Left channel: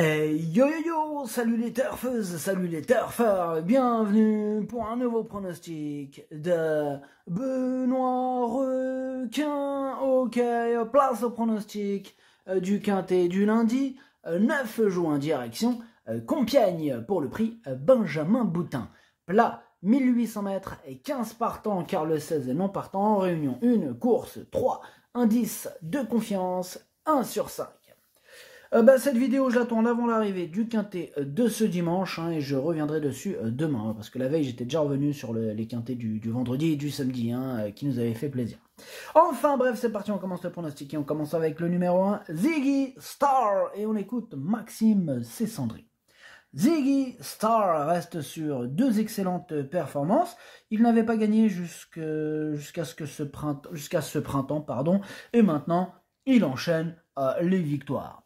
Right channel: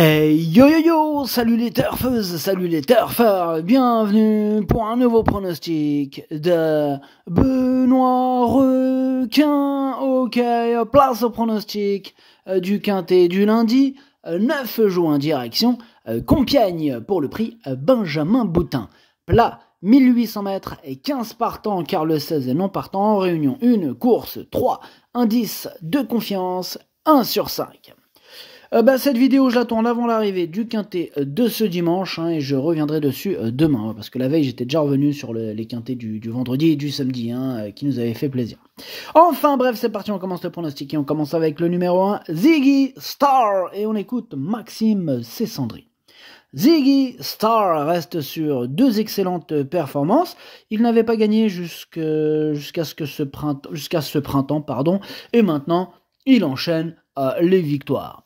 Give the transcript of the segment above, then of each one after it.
Hey yo yo yo, salut les turfeuses, salut les turfeurs, bienvenue pour un nouveau pronostic de Benoît Requin. Ok, place au pronostic du quintet du lundi 9 juin, direction Compiègne pour le prix Benjamin Boutin. Plat 1800 mètres et 15 partants car le 16 est non partant en réunion 1, course 3, indice de confiance 1 sur 5. Cette vidéo, je la tourne avant l'arrivée du quintet de ce dimanche et je reviendrai dessus demain parce que la veille, j'étais déjà revenu sur les quintets du vendredi et du samedi qui nous avaient fait plaisir. Enfin, bref, c'est parti, on commence le pronostic et on commence avec le numéro 1, Ziggy Star, et on écoute Maxime Cessandry. Ziggy Star reste sur deux excellentes performances. Il n'avait pas gagné jusqu'à ce printemps, et maintenant, il enchaîne les victoires.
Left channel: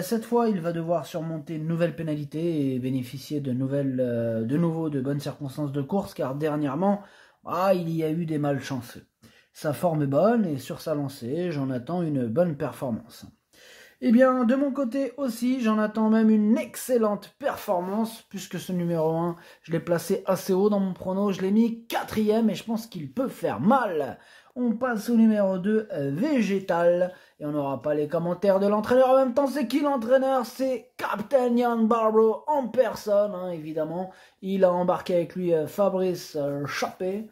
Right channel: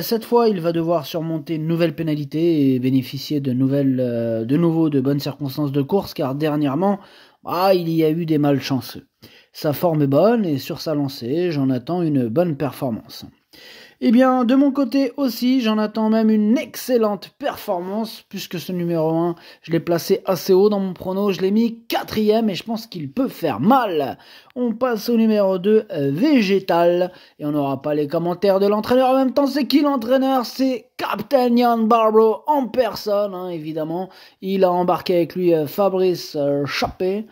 Cette fois, il va devoir surmonter une nouvelle pénalité et bénéficier de nouveau de bonnes circonstances de course, car dernièrement, il y a eu des malchanceux. Sa forme est bonne et sur sa lancée, j'en attends une bonne performance. Eh bien, de mon côté aussi, j'en attends même une excellente performance, puisque ce numéro 1, je l'ai placé assez haut dans mon prono, je l'ai mis 4e et je pense qu'il peut faire mal. On passe au numéro 2, Végétal, et on n'aura pas les commentaires de l'entraîneur. En même temps, c'est qui l'entraîneur? C'est Captain Jan Barbro en personne, évidemment. Il a embarqué avec lui Fabrice Chappé,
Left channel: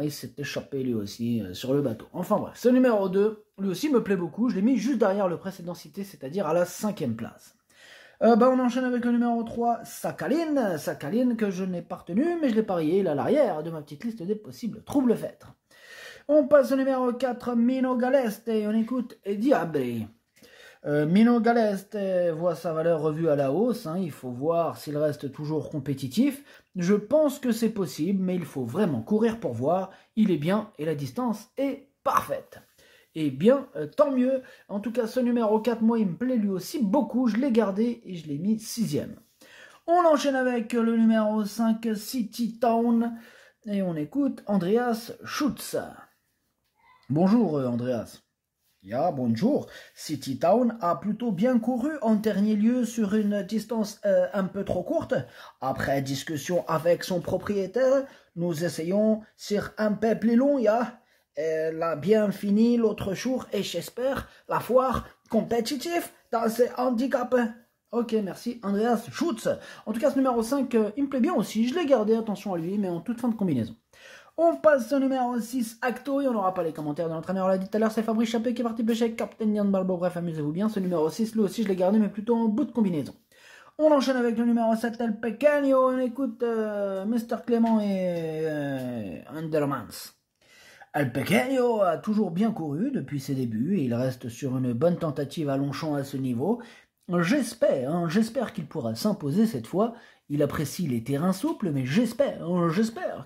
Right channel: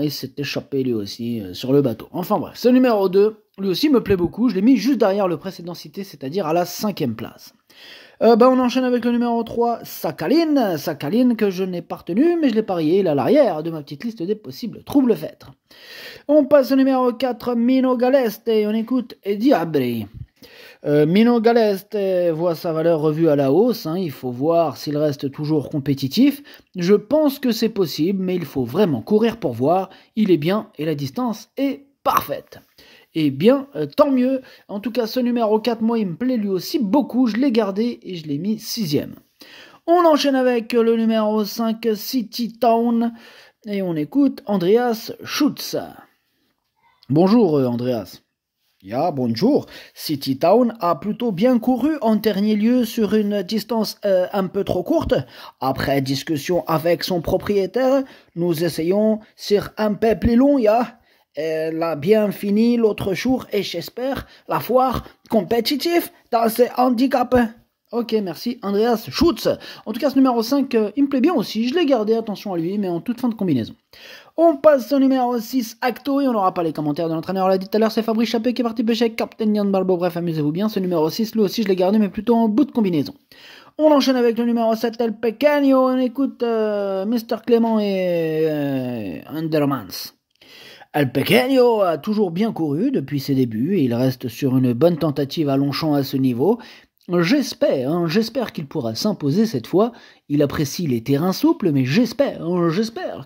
et s'est échappé lui aussi sur le bateau. Enfin bref, ce numéro 2, lui aussi me plaît beaucoup, je l'ai mis juste derrière le précédent cité, c'est-à-dire à la 5e place. On enchaîne avec le numéro 3, Sakhaline que je n'ai pas retenu, mais je l'ai parié, il est à l'arrière de ma petite liste des possibles troubles faîtes. On passe au numéro 4, Mino Galeste, et on écoute Diabri. Mino Galeste voit sa valeur revue à la hausse, il faut voir s'il reste toujours compétitif. Je pense que c'est possible, mais il faut vraiment courir pour voir. Il est bien et la distance est parfaite. Eh bien, tant mieux. En tout cas, ce numéro 4, moi, il me plaît lui aussi beaucoup. Je l'ai gardé et je l'ai mis 6e. On enchaîne avec le numéro 5, City Town, et on écoute Andreas Schutz. Bonjour, Andreas. Bonjour. City Town a plutôt bien couru en dernier lieu sur une distance un peu trop courte. Après discussion avec son propriétaire, nous essayons sur un peu plus long, Elle a bien fini l'autre jour et j'espère la foire compétitive dans ses handicaps. Ok, merci, Andreas Schutz. En tout cas, ce numéro 5, il me plaît bien aussi. Je l'ai gardé, attention à lui, mais en toute fin de combinaison. On passe au numéro 6, Acto, et on n'aura pas les commentaires de l'entraîneur. On l'a dit tout à l'heure, c'est Fabrice Chappé qui est parti pêcher avec Captain Jan Balbo. Bref, amusez-vous bien. Ce numéro 6, lui aussi, je l'ai gardé, mais plutôt en bout de combinaison. On enchaîne avec le numéro 7, El Pequeño. On écoute Mr. Clément et Undermans. El Pequeño a toujours bien couru depuis ses débuts et il reste sur une bonne tentative à Longchamp à ce niveau. J'espère qu'il pourra s'imposer cette fois. Il apprécie les terrains souples, mais j'espère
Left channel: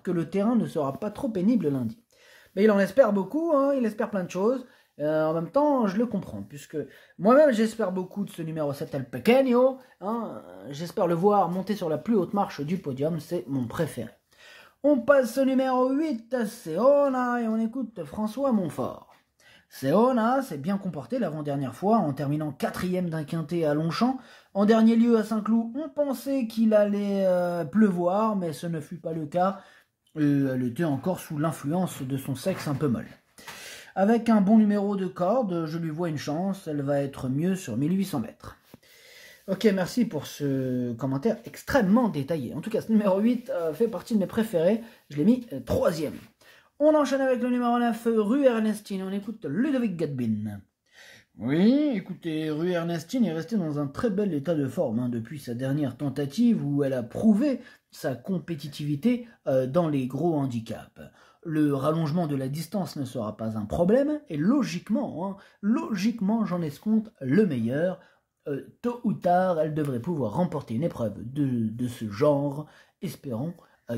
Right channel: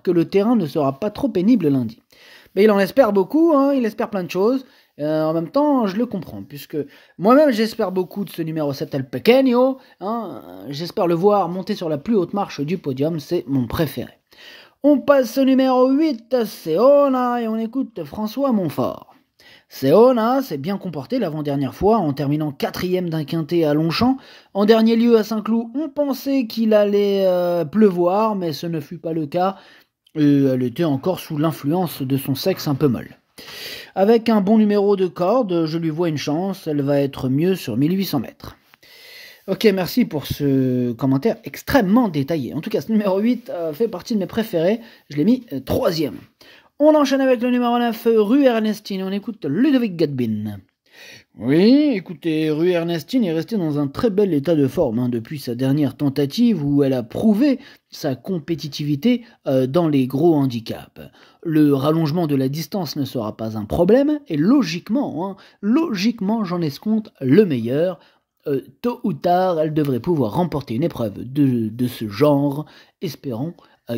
que le terrain ne sera pas trop pénible lundi. Mais il en espère beaucoup, il espère plein de choses. En même temps, je le comprends, puisque moi-même j'espère beaucoup de ce numéro 7 El Pequeño. J'espère le voir monter sur la plus haute marche du podium, c'est mon préféré. On passe au numéro 8, Seona, et on écoute François Montfort. Seona s'est bien comporté l'avant-dernière fois en terminant 4e d'un quintet à Longchamp. En dernier lieu à Saint-Cloud, on pensait qu'il allait pleuvoir, mais ce ne fut pas le cas. Elle était encore sous l'influence de son sexe un peu molle. Avec un bon numéro de corde, je lui vois une chance, elle va être mieux sur 1800 mètres. Ok, merci pour ce commentaire extrêmement détaillé. En tout cas, ce numéro 8 fait partie de mes préférés. Je l'ai mis 3e. On enchaîne avec le numéro 9, Rue Ernestine. On écoute Ludovic Gadbin. Oui, écoutez, Rue Ernestine est restée dans un très bel état de forme depuis sa dernière tentative où elle a prouvé sa compétitivité dans les gros handicaps. Le rallongement de la distance ne sera pas un problème et logiquement, j'en escompte le meilleur. Tôt ou tard, elle devrait pouvoir remporter une épreuve de ce genre. Espérons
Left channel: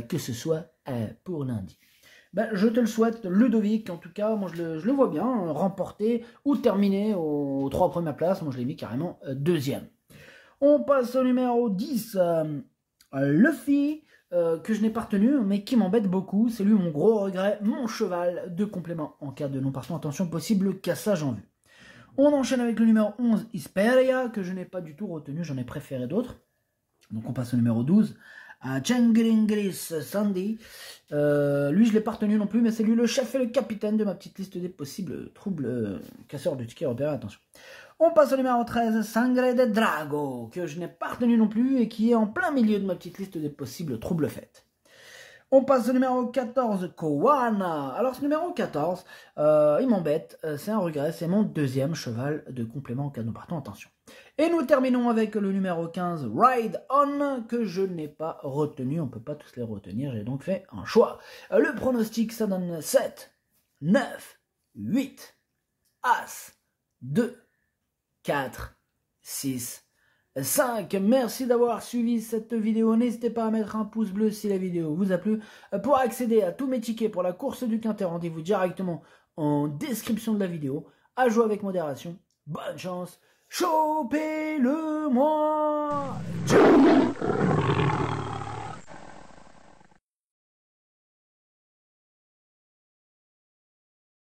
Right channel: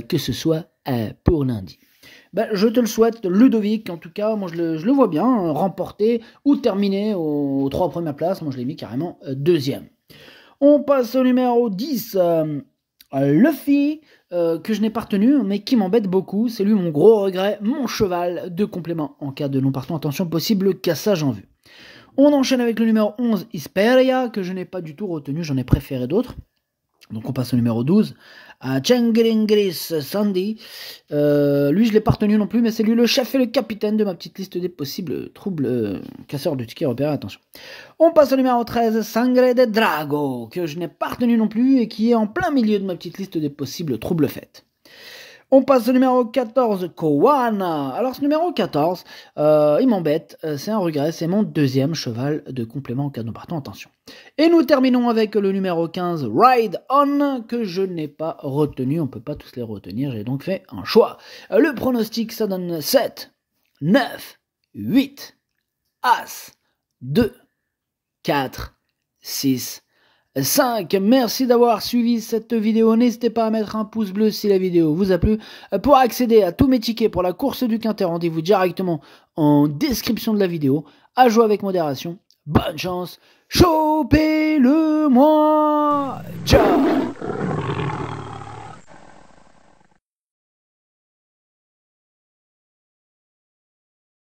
que ce soit pour lundi. Je te le souhaite, Ludovic, en tout cas, moi je le vois bien remporter ou terminer aux 3 premières places. Moi je l'ai mis carrément 2e. On passe au numéro 10, Luffy, que je n'ai pas retenu, mais qui m'embête beaucoup. C'est lui mon gros regret, mon cheval de complément en cas de non partant. Attention, possible cassage en vue. On enchaîne avec le numéro 11, Isperia, que je n'ai pas du tout retenu, j'en ai préféré d'autres. Donc on passe au numéro 12, à Chengringris Sandy. Lui, je ne l'ai pas retenu non plus, mais c'est lui le chef et le capitaine de ma petite liste des possibles troubles casseurs de tickets repérés. Attention. On passe au numéro 13, Sangre de Drago, que je n'ai pas retenu non plus et qui est en plein milieu de ma petite liste des possibles troubles faits. On passe au numéro 14, Kowana. Alors ce numéro 14, il m'embête, c'est un regret, c'est mon deuxième cheval de complément au cadeau partant, attention. Et nous terminons avec le numéro 15, Ride On, que je n'ai pas retenu, on ne peut pas tous les retenir, j'ai donc fait un choix. Le pronostic, ça donne 7, 9, 8, As, 2, 4, 6, 5. Merci d'avoir suivi cette vidéo. N'hésitez pas à mettre un pouce bleu si la vidéo vous a plu. Pour accéder à tous mes tickets pour la course du Quintet, rendez-vous directement en description de la vidéo. À jouer avec modération. Bonne chance. Chopez-le-moi. Ciao.